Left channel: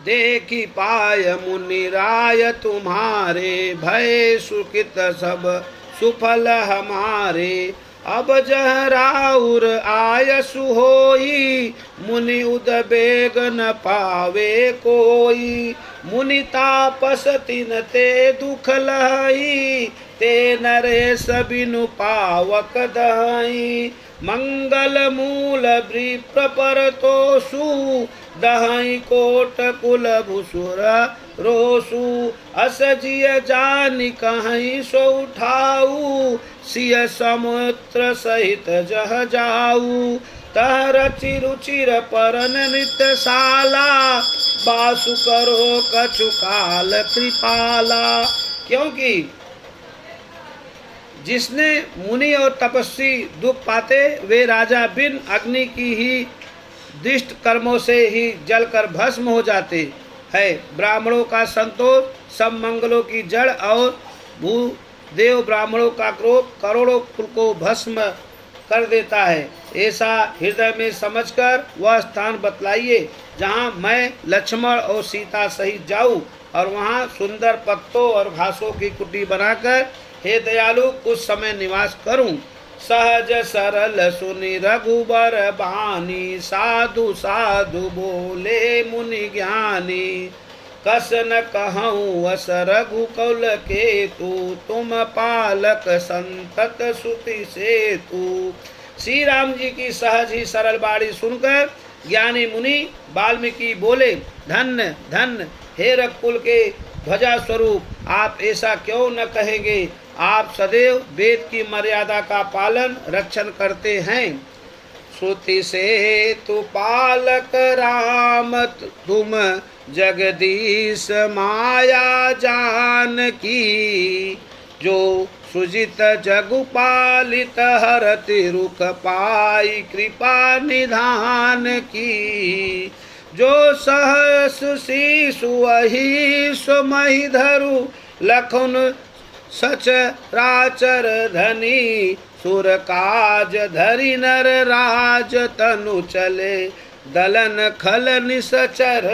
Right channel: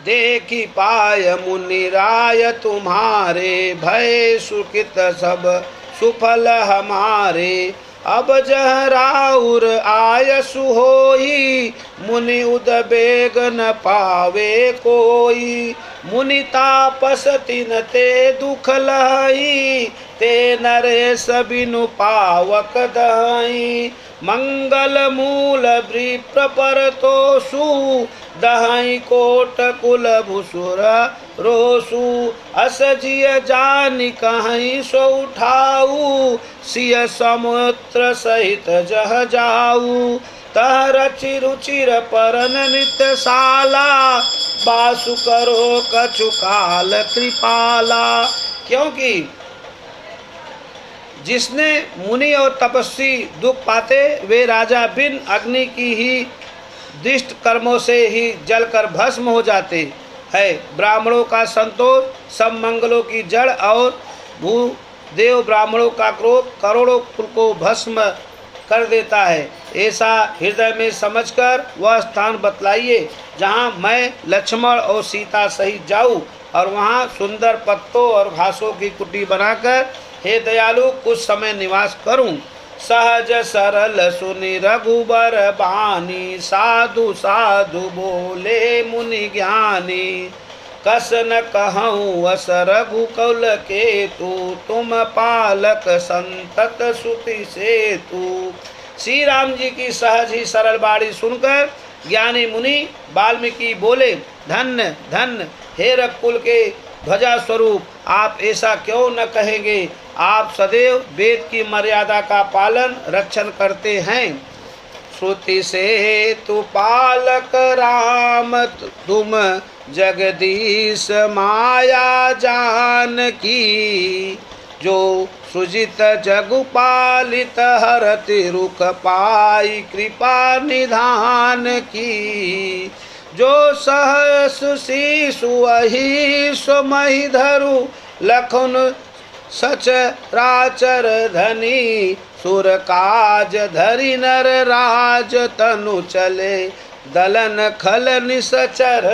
देखी पाय मुनि राय तुम्हारे, भय सुकृत सब सुफल हमारे। अब जह राउर आयसु होई, मुनि उदबेग न पावे कोई। मुनि तापस तिन ते दुख लही, ते नरेश बिनु पावक दही। मंगल मूल वृप्र पर तोषु, दहई कोट कुल भुसुर रोसु। अस जिय जानि कहीं सो उठाऊ, सिय समुद्र सहित जह जाऊ। तह रचि रुचिर परन नित्यशाला, बासु करो कछु काल कृपाला। क्योंकि जिसने मुनि और तपस्वी दुख पाते, वे राजा बिन अग्नि की ही दुष्ट कर्मों से ही जलकर भस्म हो जाते हैं। ब्राह्मणों का संतोष सब मंगलों की जड़, और भूदेव ब्राह्मणों का क्रोध करोड़ों कुल को भस्म कर देता है। ऐसा हृदय में समझकर वह स्थान बतलाइए जहाँ मैं लक्ष्मण और सीता सहित जाऊँ, और वहाँ सुंदर पत्तों और घासों की कुटी बनाकर हे दयालु कुछ समय निवास करूं। सहज सरल सुनि रघुबर बानी, साधु साधु बोले मुनि ज्ञानी। कस न कहूँ अस रघुकुल केतु, तुम पालक संतत सुति सेतु। श्री राम जी की सहज ही सरल बाणी सुनकर ज्ञानी मुनि वाल्मीकि बोले, धन्य धन्य हे रघुकुल के ध्वजा स्वरूप, आप ऐसा क्यों न कहेंगे। आप सदैव वेद की मर्यादा का पालन रक्षण करते हैं। श्रुति से तु पालक राम, तुम जगदीश माया जान की। जो सुजित जगु पालित हरति रुक पाई, कृपा निधान की। जो सहस शीशु वही सुमहि धरु, लखन सच राचर धनी। सुर काज धरि नर राज, तनु चले दलन खल निसचर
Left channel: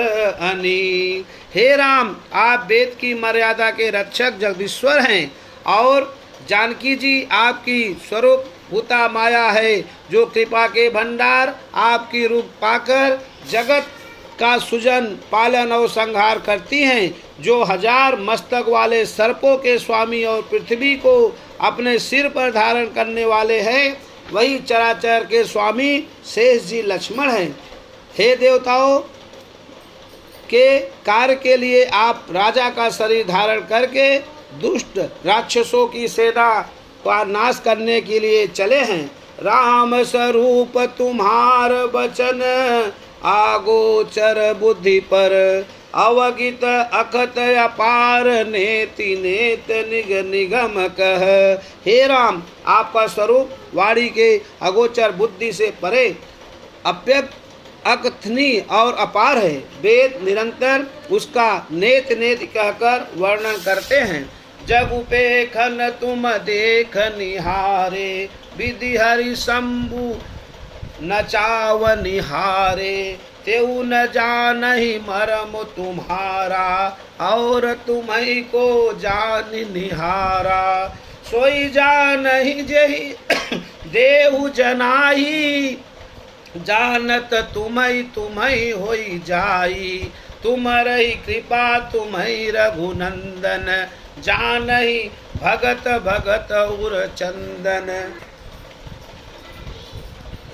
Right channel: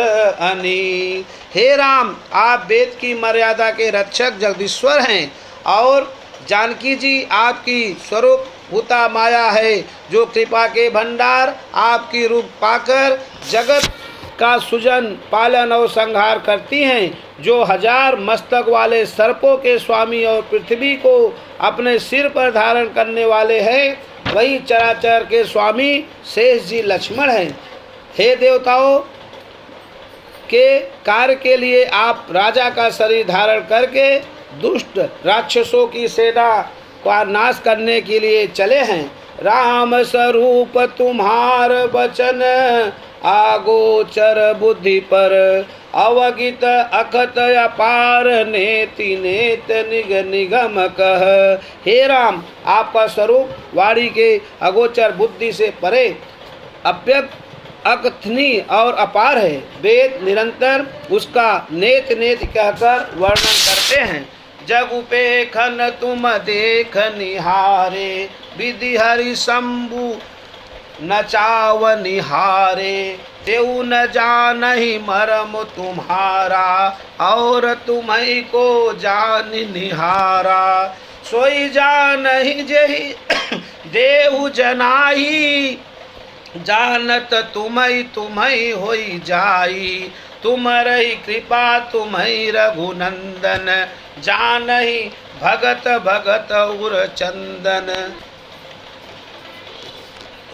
अनी। हे राम, आप वेद की मर्यादा के रक्षक जगदीश्वर हैं, और जानकी जी आपकी स्वरूप भूता माया है, जो कृपा के भंडार आपकी रूप पाकर जगत का सुजन पालन और संहार करती हैं। जो 1000 मस्तक वाले सर्पों के स्वामी और पृथ्वी को अपने सिर पर धारण करने वाले हैं, वही चराचर के स्वामी शेष जी लक्ष्मण हैं। हे देवताओं के कार्य के लिए आप राजा का शरीर धारण करके दुष्ट राक्षसों की सेना का नाश करने के लिए चले हैं। राम स्वरूप तुम्हार वचन, आगोचर बुद्धि पर अवगित अखत अपार, नेति नेत निग निगम कह। हे राम, आपका स्वरूप वाणी के अगोचर बुद्धि से परे, अव्यक्त अकथनीय और अपार है। वेद निरंतर उसका नेत नेत कहकर वर्णन करते हैं। जग उपेखन तुम देख निहारे, विधि हरि शंभु नचाव निहारे। तेऊ न जानहि मरम तुम्हारा, और तुम्हीं को जान निहारा। सोई जानहि जेहि देहु जनाई, जानत तुम्हीं तुम्हीं होई जाई। तुम्हारी कृपा तुम्हीं रघुनंदन, जानहि भगत भगत उर चंदन।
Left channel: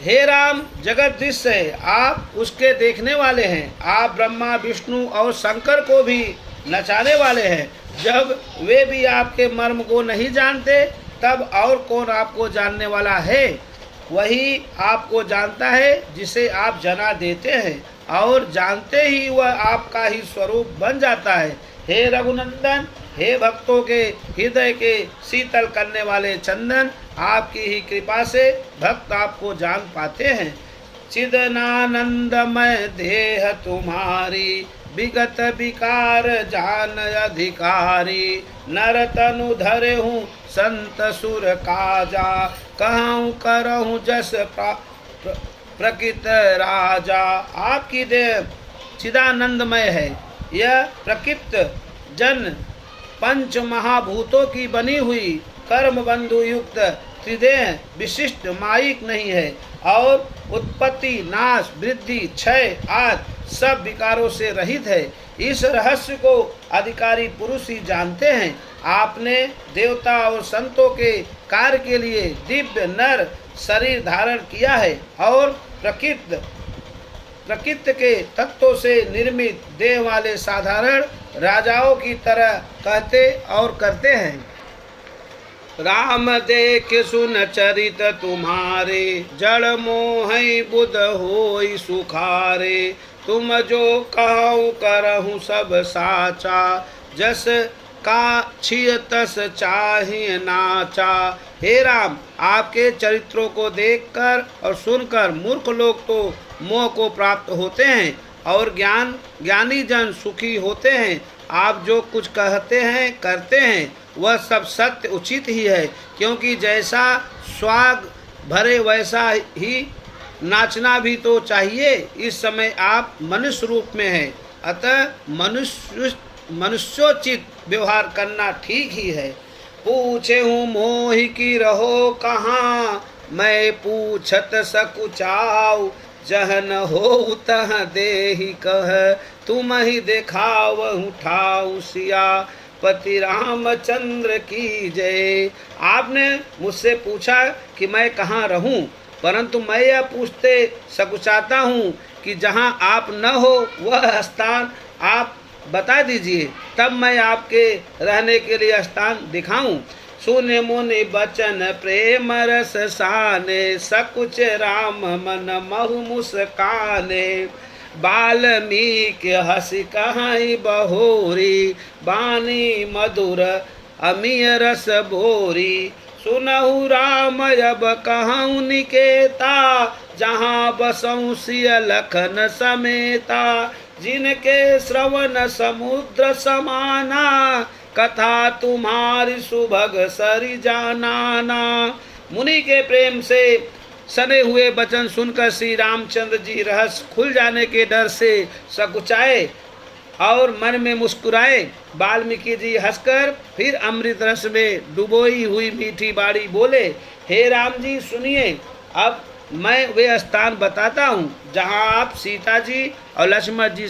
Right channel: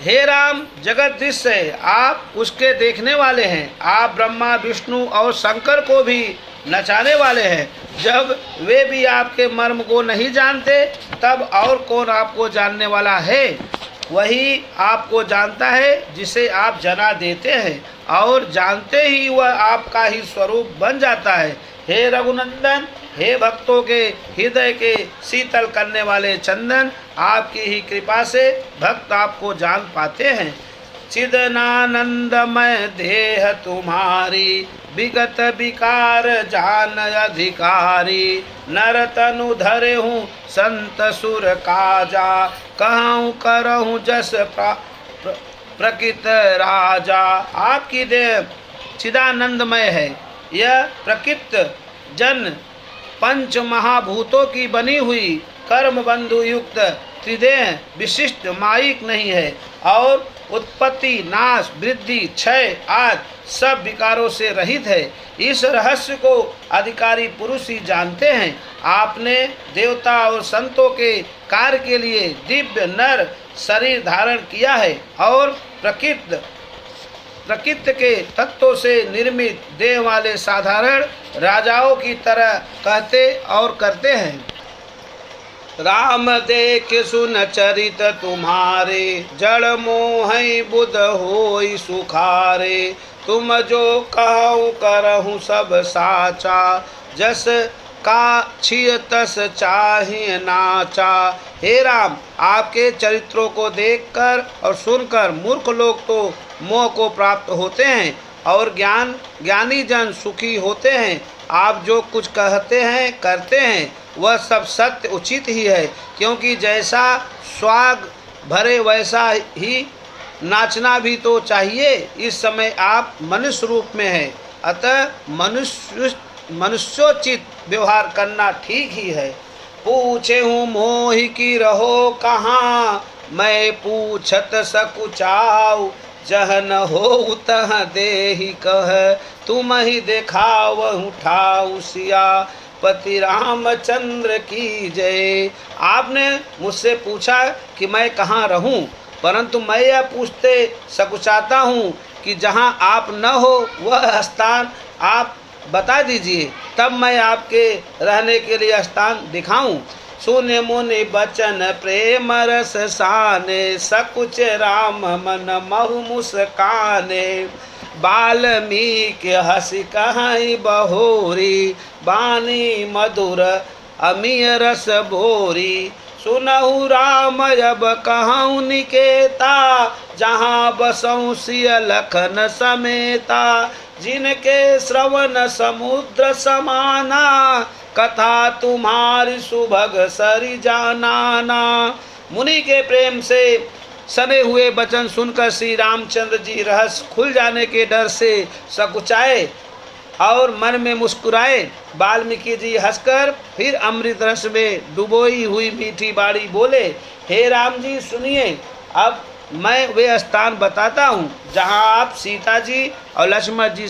हे राम, जगदीश है, आप उसके देखने वाले हैं। आप ब्रह्मा विष्णु और शंकर को भी नचाने वाले हैं। जब वे भी आपके मर्म को नहीं जानते, तब और कौन आपको जानने वाला है। वही आपको जानता है जिसे आप जना देते हैं, और जानते ही वह आपका ही स्वरूप बन जाता है। हे रघुनंदन, हे भक्तों के हृदय के शीतल करने वाले चंदन, आपकी ही कृपा से भक्त आपको जान पाते हैं। चिदनानंदमय देह तुम्हारी, विगत विकार जान अधिकारी। नर तनु धरे हूँ संत सुर काजा, कहूँ करहूँ जस प्रकृत राजा। आपकी देह चिदानंदमय है। यह प्रकृति जन पंच महाभूतों की बनी हुई कर्म बंधु युक्त त्रिदेह विशिष्ट माइक नहीं है और उत्पत्ति नाश वृद्धि क्षय आदि सब विकारों से रहित है। इस रहस्य को अधिकारी पुरुष ही जानते हैं। आपने देवता और संतों के कार्य के लिए दिव्य नर शरीर धारण किया है और प्रकृति के तत्वों से निर्मित देह वाले साधारण राजाओं की तरह कहते और करते हैं। राम देख सुन चरित तुम्हारे, जड़ मोह बुध होई सुखारे। तुम जो कहूँ करहूँ सब साचा, जस का छिय तस चाहिए नाचा। हे राम, आपके चरित्रों को देखकर और सुनकर मूर्ख लोग तो मोह को प्राप्त होते हैं और ज्ञानी जन सुखी होते हैं। आप जो कुछ कहते हैं करते हैं वह सब सत्य उचित ही है, क्योंकि जैसा स्वाग भरे वैसा ही नाचना भी तो चाहिए। इस समय आप मनुष्य रूप में हैं, अतः मनुष्योचित व्यवहार करना ठीक ही है। पूछे हूँ मोहि की रहो कहाँ, मैं पूछत सकुचाऊ। जह न हो तह देहि कह, तुम ही देखावहु ठाऊ। सिया पति रामचंद्र की जय। आपने मुझसे पूछा कि मैं कहाँ रहूं, परंतु मैं यह पूछते सकुचाता हूँ कि जहाँ आप न हो वह स्थान आप बता दीजिए, तब मैं आपके रहने के लिए स्थान दिखाऊं। सुने मुनि बचन प्रेम रस साने, सकुच राम मन महु मुस्काने। वाल्मीकि हंसी कहाई बहोरी, बानी मधुर अमीय रस भोरी। सुनहु राम अब कहूँ निकेता, जहाँ बसऊँ सिय लखन समेता। जिनके श्रवण समुद्र समाना, कथा तुम्हारी सुभग सरि जानाना। मुनि के प्रेम से सने हुए वचन सुनकर श्री रामचंद्र जी रहस्य खुल जाने के डर से सकुचाए और मन में मुस्कुराए। वाल्मीकि जी हंसकर फिर अमृत रस में डुबोई हुई मीठी बाणी बोले, हे राम जी सुनिए, अब मैं वे स्थान बताता हूँ जहाँ आप सीता जी और लक्ष्मण जी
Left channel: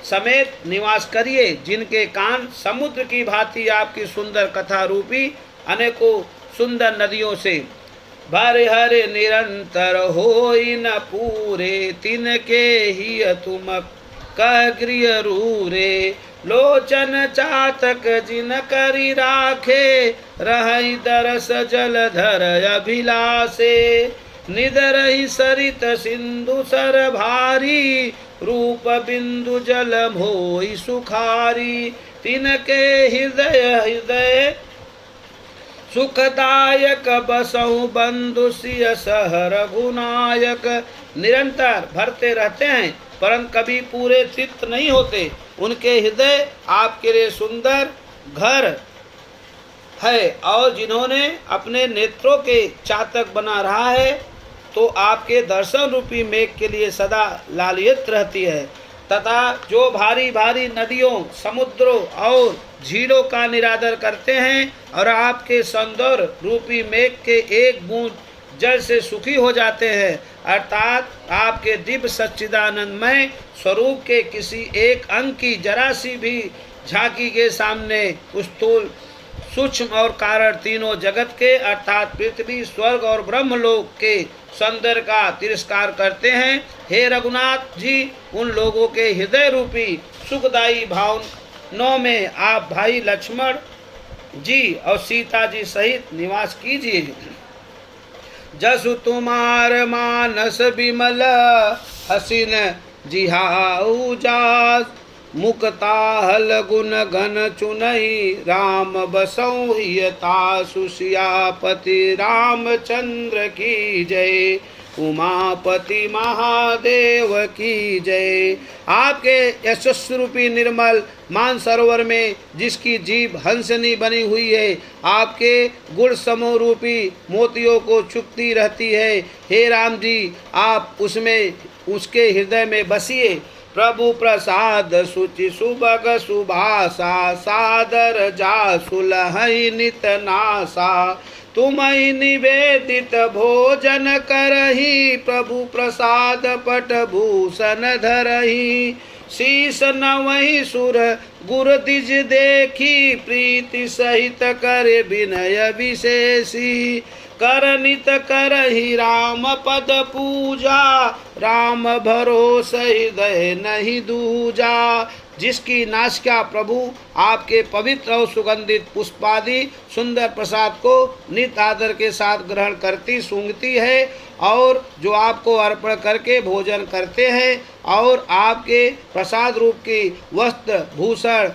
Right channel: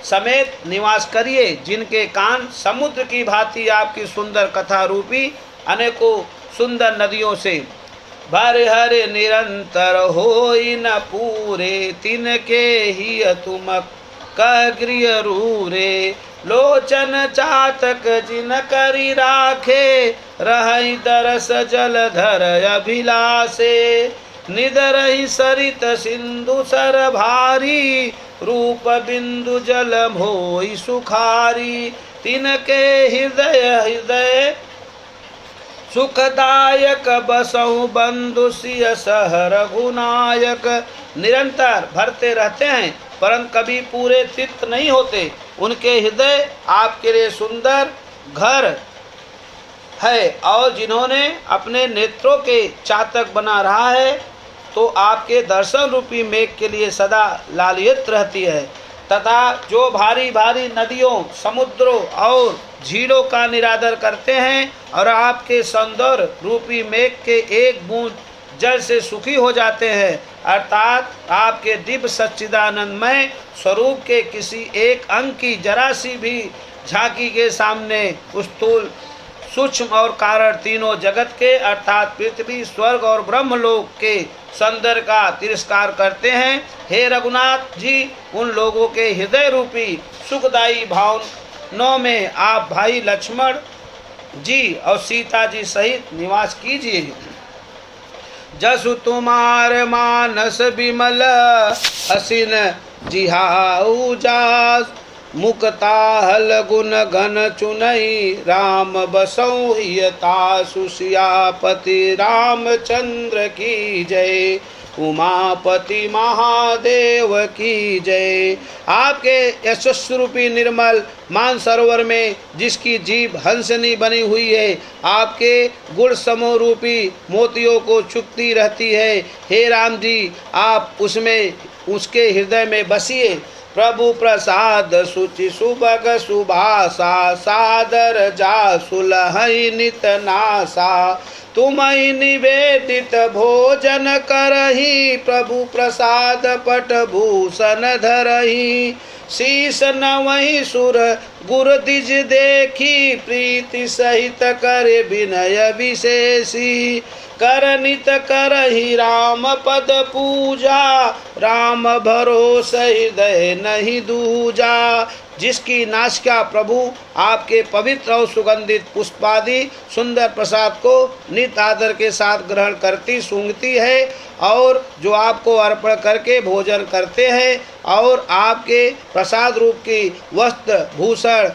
समेत निवास करिए, जिनके कान समुद्र की भांति आपकी सुंदर कथा रूपी अनेकों सुंदर नदियों से भरे हरे निरंतर होई न पूरे। तिनके ही तुम कह गृह रूरे, लोचन चातक जिन करी राखे। रहि दरस जलधर अभिलाषे, निदरहि सरित सिंधु सर भारी। रूप बिंदु जल मोहि सुखारी, तिनके हृदय सुखदायक। बसहु बंधु सिय सह रघुनायक। निरंतर भरते रहते हैं परंतु कभी पूरे तृप्त नहीं होते। उनके हृदय आपके लिए सुंदर घर है और जिन्होंने अपने नेत्रों के चातक बना रहा है तो आपके दर्शन रूपी मेघ के लिए सदा लालियत रहती है। तथा जो भारी भारी नदियों समुद्रों और झीलों का निरादर करते हैं और आपके सौंदर्य रूपी मेघ के एक बूंद जल से सुखी हो जाते हैं, अर्थात आपके दिव्य सच्चिदानंदमय स्वरूप के किसी एक अंग की जरा सी भी झांकी के सामने स्थूल सूक्ष्म और कारण तीनों जगत के अर्थात पृथ्वी स्वर्ग और ब्रह्मलोक के सौंदर्य का तिरस्कार करते हैं। हे रघुनाथ जी, उन लोगों के हृदय रूपी सुखदायी भावनों में आप भाई लक्ष्मण जी और सीता जी सहित निवास कीजिए। जसु तुम्हार मानस विमल, हसीन जिहाऊ जास। मुक्ताहल गुण गण चुनई, राम बसौ हियता सुसियापति रामचंद्र की जय। उमापति महादेव की जय। आपके यशस्वरूपी निर्मल मानसरोवर में जिसकी जीभ हंसनी बनी हुई है, आपके गुण समूह रूपी मोतियों को चुपती रहती है। हे राम जी, आप उसमें उसके हृदय में बसिए। प्रभु प्रसाद सुचि सुबग सुभाषा, सादर जा सुलहई नित नासा। तुम्हि निवेदित भोजन करही, प्रभु प्रसाद पट भूषण धरही। शीस नवहि सुर गुर दिज देखी, प्रीति सहित कर विनय विशेषी। करनित करही राम पद पूजा, राम भरोसे हृदय नहीं दूजा। जिसकी नासिका प्रभु आपके पवित्र और सुगंधित पुष्पादि सुंदर प्रसाद को नित आदर के साथ ग्रहण करती सूंघती है, और जो आपको अर्पण करके भोजन करते हैं और आपके प्रसाद रूप की वस्त्र भूषण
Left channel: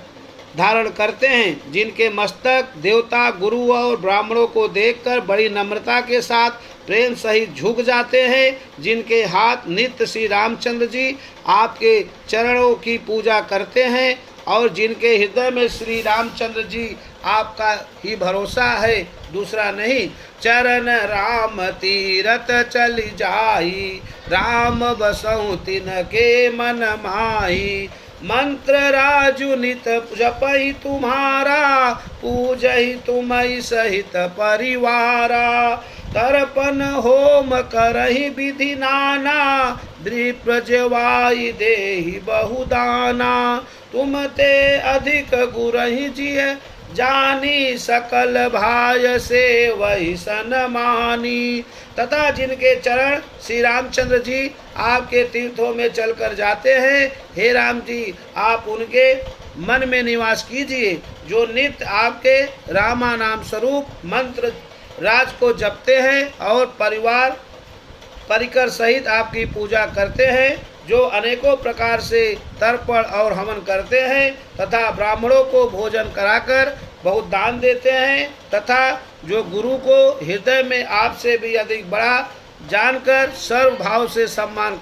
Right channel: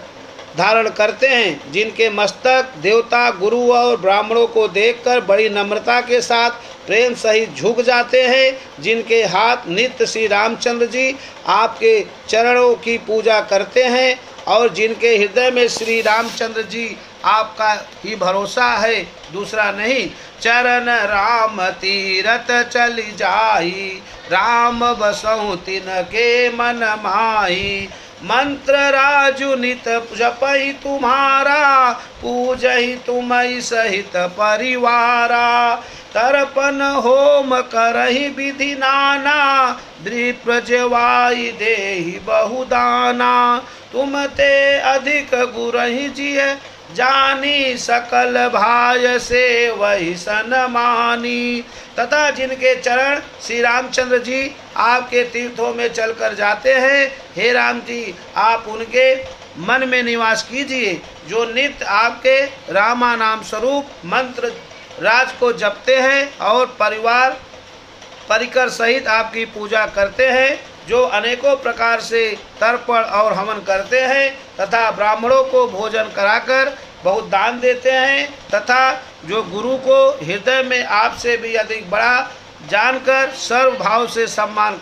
धारण करते हैं, जिनके मस्तक देवता गुरु और ब्राह्मणों को देखकर बड़ी नम्रता के साथ प्रेम सहित झुक जाते हैं, जिनके हाथ नित्य श्री रामचंद्र जी आपके चरणों की पूजा करते हैं, और जिनके हृदय में श्री रामचंद्र जी आपका ही भरोसा है, दूसरा नहीं। चरण राम तीरथ चली जाई, राम बसहु तिनके मन माही। मंत्र राजु नित जपई तुम्हारा, पूजहि तुम्हि सहित परिवारा। तर्पण होम करहि विधि नाना, द्विप्रजवाई देहि बहुदाना। तुम ते अधिक गुरहि जिय जानी, सकल भाय से वही सनमानी। तथा जिनके चरण श्री रामचंद्र जी आपके तीर्थों में चलकर जाते हैं, हे राम जी आप उनके मन में निवास कीजिए, जो नित्य आपके रामा नाम स्वरूप मंत्र राज को जपते हैं और परिवार परिकर सहित आपकी पूजा करते हैं, जो अनेकों प्रकार से तर्पण और हवन करते हैं, तथा ब्राह्मणों को भोजन कराकर बहुत दान देते हैं, तथा जो गुरु को हृदय में आपसे भी अधिक बड़ा जानकर सर्व भाव से सम्मान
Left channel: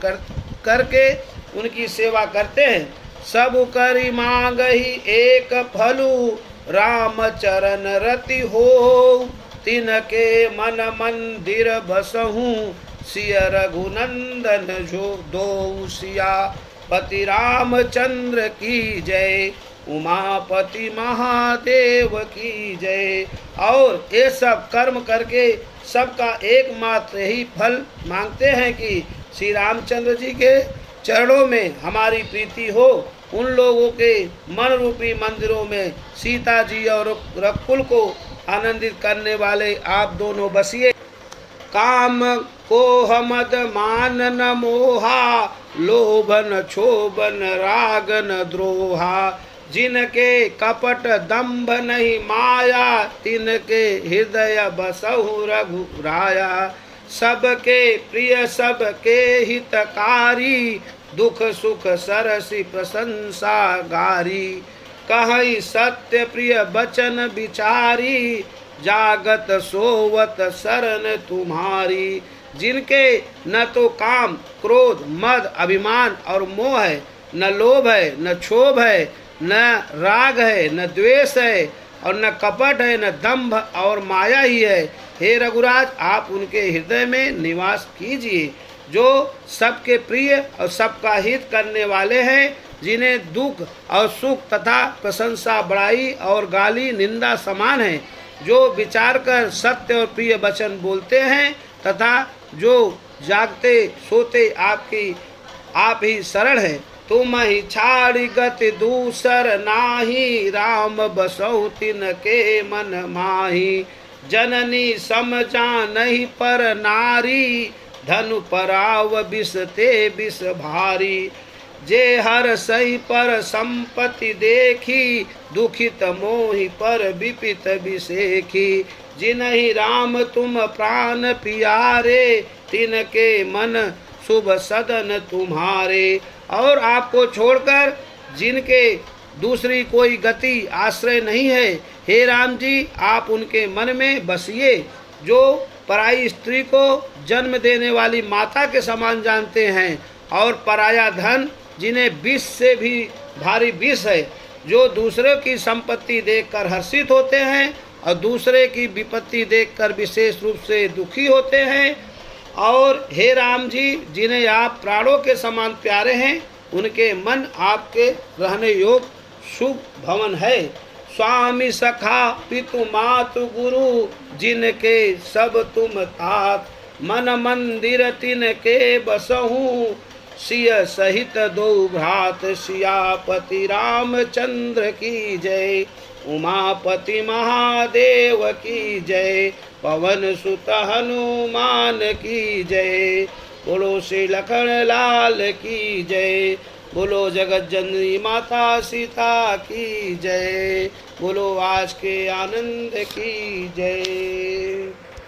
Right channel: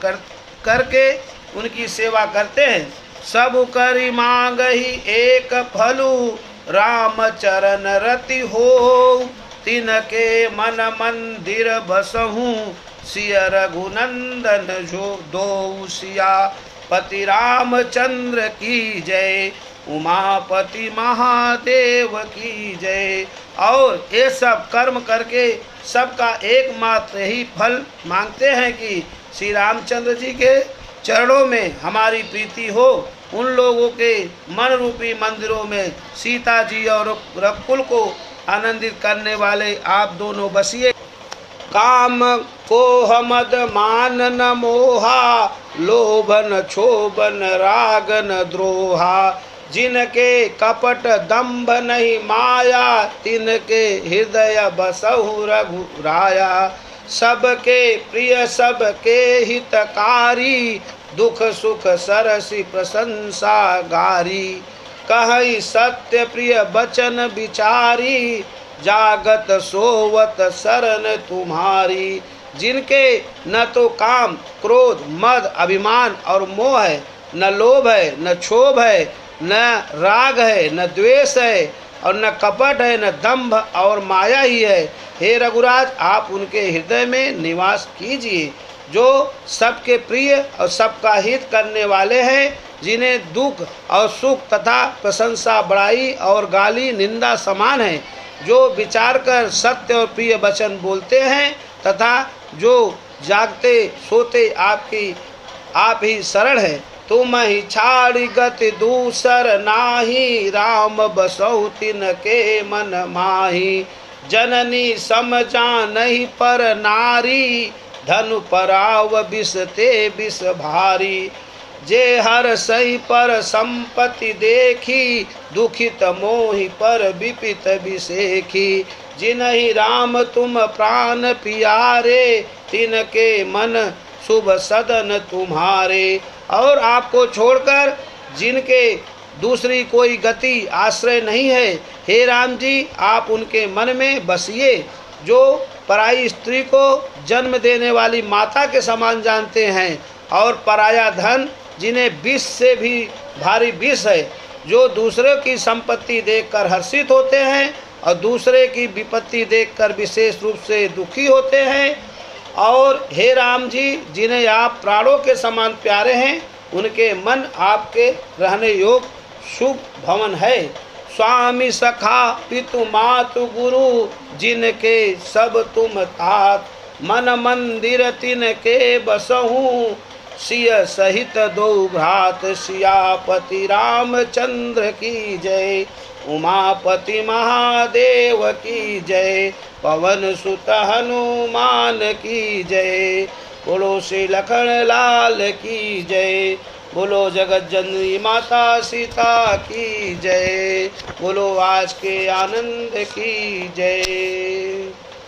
करके उनकी सेवा करते हैं। सब करी मांग ही एक फलु, राम चरण रति हो। तिनके मन मंदिर बसहु, सिय रघुनंदन जो दो सिया। पति रामचंद्र की जय, उमापति महादेव की जय। और ये सब कर्म करके सबका एकमात्र ही फल मांगते हैं कि श्री रामचंद्र जी के चरणों में हमारी प्रीति हो। उन लोगों के मन रूपी मंदिरों में सीता जी और रकुल को आनंदित करने वाले आप दोनों बसिए। काम को मद मान न मोहा, लोभन क्षोभन राग न द्रोहा। जिनके कपट दंभ नहीं माया, तिनके हृदय बसहु रघुराया। सबके प्रिय सबके हितकारी, दुख सुख सरसी प्रशंसा गारी। कहई सत्य प्रिय बचन विचारी, जागत सोवत शरण तुम्हारी। जिनके न तो काम क्रोध मद अभिमान और मोह है, न लोभ है, न क्षोभ है, न राग है, न द्वेष है, और न कपट है, न दंभ और माया ही है। हे रघुराज आप उनके हृदय में निवास कीजिए, जो सबके प्रिय और सबका हित करने वाले हैं, जिन्हें दुख और सुख तथा प्रशंसा बड़ाई और गाली निंदा समान है, जो विचार कर सत्य और प्रिय वचन बोलते हैं, तथा जो जागते सोते आप ही शरण है। तुम ही छाड़ी गति दूसर नाही, राम बसहु तिनके मन माही। जननी समझानहि पर नारी, धनु पराव विष ते विष भारी। जे हर सही पर संपत्ति देखी, दुखित मोहि पर विपित विषेखी। जिनहि राम तुम प्राण प्यारे, तिनके मन शुभ सदन तुम्हारे। और आपको छोड़कर जिनके दूसरी कोई गति आश्रय नहीं है, हे राम जी आप उनके मन में बसिए। जो पराई स्त्री को जन्म देने वाली माता के समान जानते हैं, और पराया धन जिन्हें विष से भी भारी विष है, जो दूसरे की संपत्ति देखकर हर्षित होते हैं और दूसरे की विपत्ति देखकर विशेष रूप से दुखी होते हैं। और हे राम जी जिन्हें आप प्राणों के समान प्यारे हैं, उनके मन आपके रहने योग शुभ भवन है। स्वामी सखा पितु मातु गुरु जिनके सब तुम तात, मन मंदिर तिनके बसहूँ सिय सहित दो भ्रात। सियापति रामचंद्र की जय, उमापति महादेव की जय, पवन सुत हनुमान की जय। बोलो श्री लखन लाल की जय, बोलो जगत जननी माता सीता की जय, बोलो आज के आनंद की जय।